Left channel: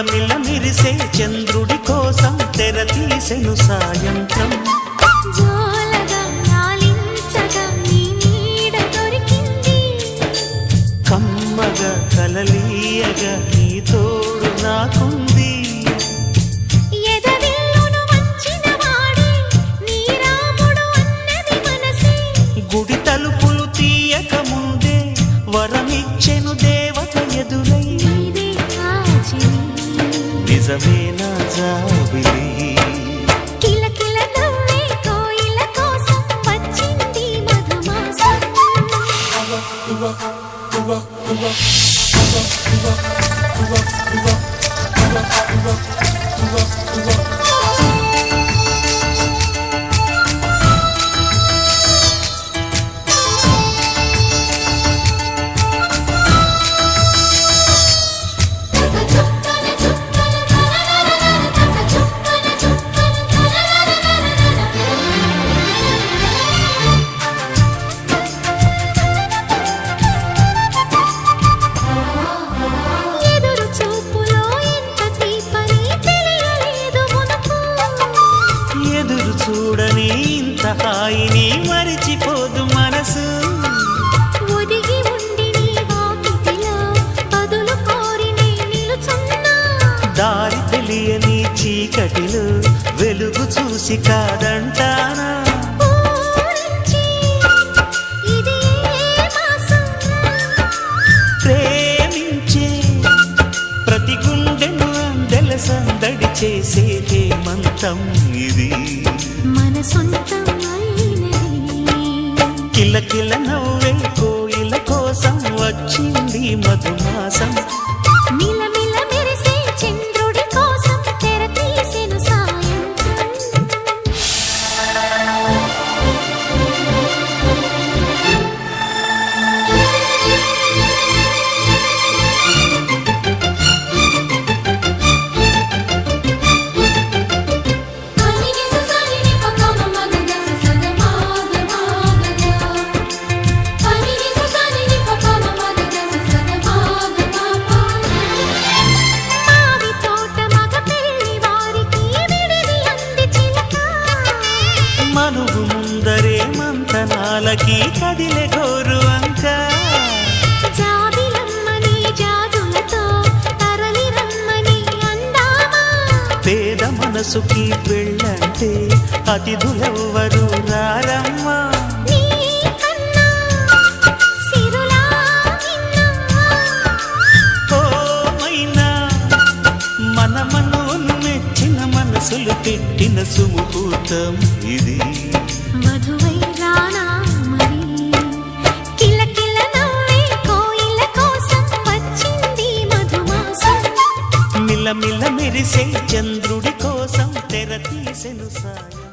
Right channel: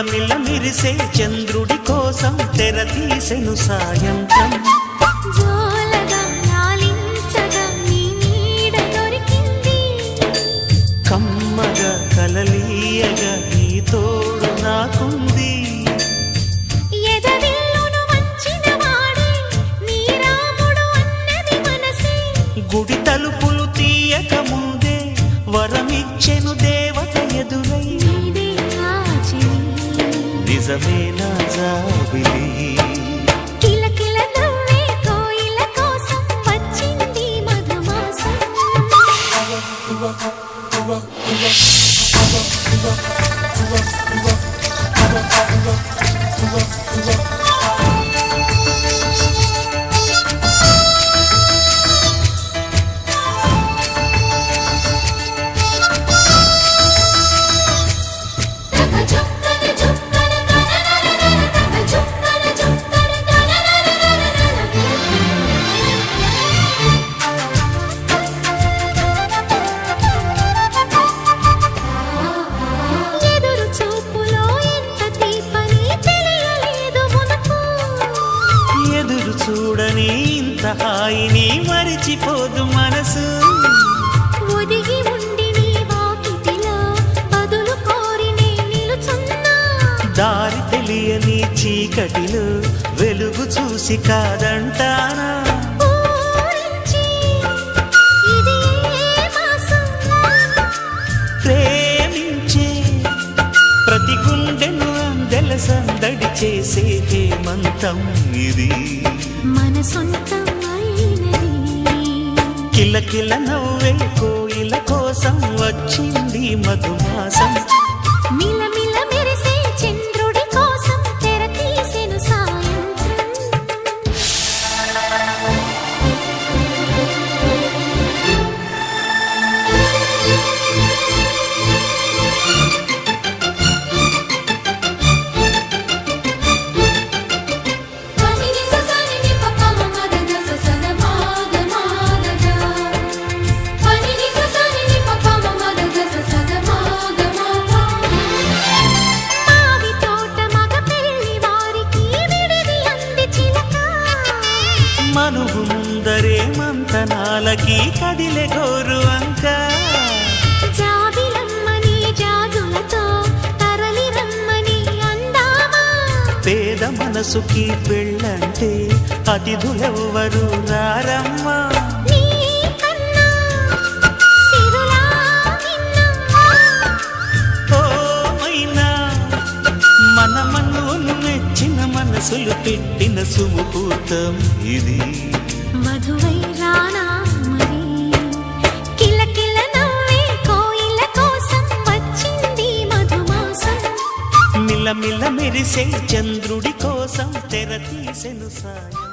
మిలమిల మిరిసే చంద్రుడి కోసం తెర తీసెను సాయంత్రం. జోలగా లాలించగా నీ నీడ దొరికింది, కమ్మగా కలలీయగా నీ తోడు నాకుంది. ఎదవిల్లును వంచిన వాడే నీ రాముడు అన్నది మనసే, గుడి తలుపులు తీయక ముందే వరమిచ్చెను దేవత ఎదురై. నీదే ఆచని నిజమేనా జాబిలి, కిలకిల నవ్వే కోయిల కోసం వచ్చింది మధుమాసం. ఎదురు చూపులో ఎంత తీపని తెలియలేదు మునుపు, ఎదురు చూడని ఇంత హాయిని మరిచిపోదు మనసు. ఒదిగి ఉండి నీ వాకిటిలో బదులు కోరి నే నిలుచున్నా, దారి తెలియని చీకటిలో వెలుగు చూసి కాదంటానా. ఊరించి ఇది ఏ మాసం, ప్రేమించే ప్రతి గుండెను అందెల సందడి చేసే హేమంతం ఇది. మన సొంతం అయినది. కిలకిల నవ్వే కోయిల కోసం వచ్చింది మధుమాసం. మిలమిల మెరిసే చంద్రుడి కోసం తెర తీసెను సాయంత్రం. మావి తోట మగ పెళ్లి వారికి విడిది అంది చిలక, మనువు ముందరే మంతనాలకి కదిలే గోరు అంక. జాబిలమ్మని జాజులతో తరలి రమ్మని అందామా, పేద మనసుకి పెళ్ళంటే అతిథులెవ్వరు రారమ్మా. నీ కన్నా సిరులా నిన్నా, ఓ మైనా మన మనువును మెచ్చిన మనసులు పెట్టిన సుముహూర్తం ఇది. వధువై రానా మరి, కిలకిల నవ్వే కోయిల కోసం వచ్చింది మధుమాసం. మిలమిల మెరిసే చంద్రుడి కోసం తెర తీసెను సాయం.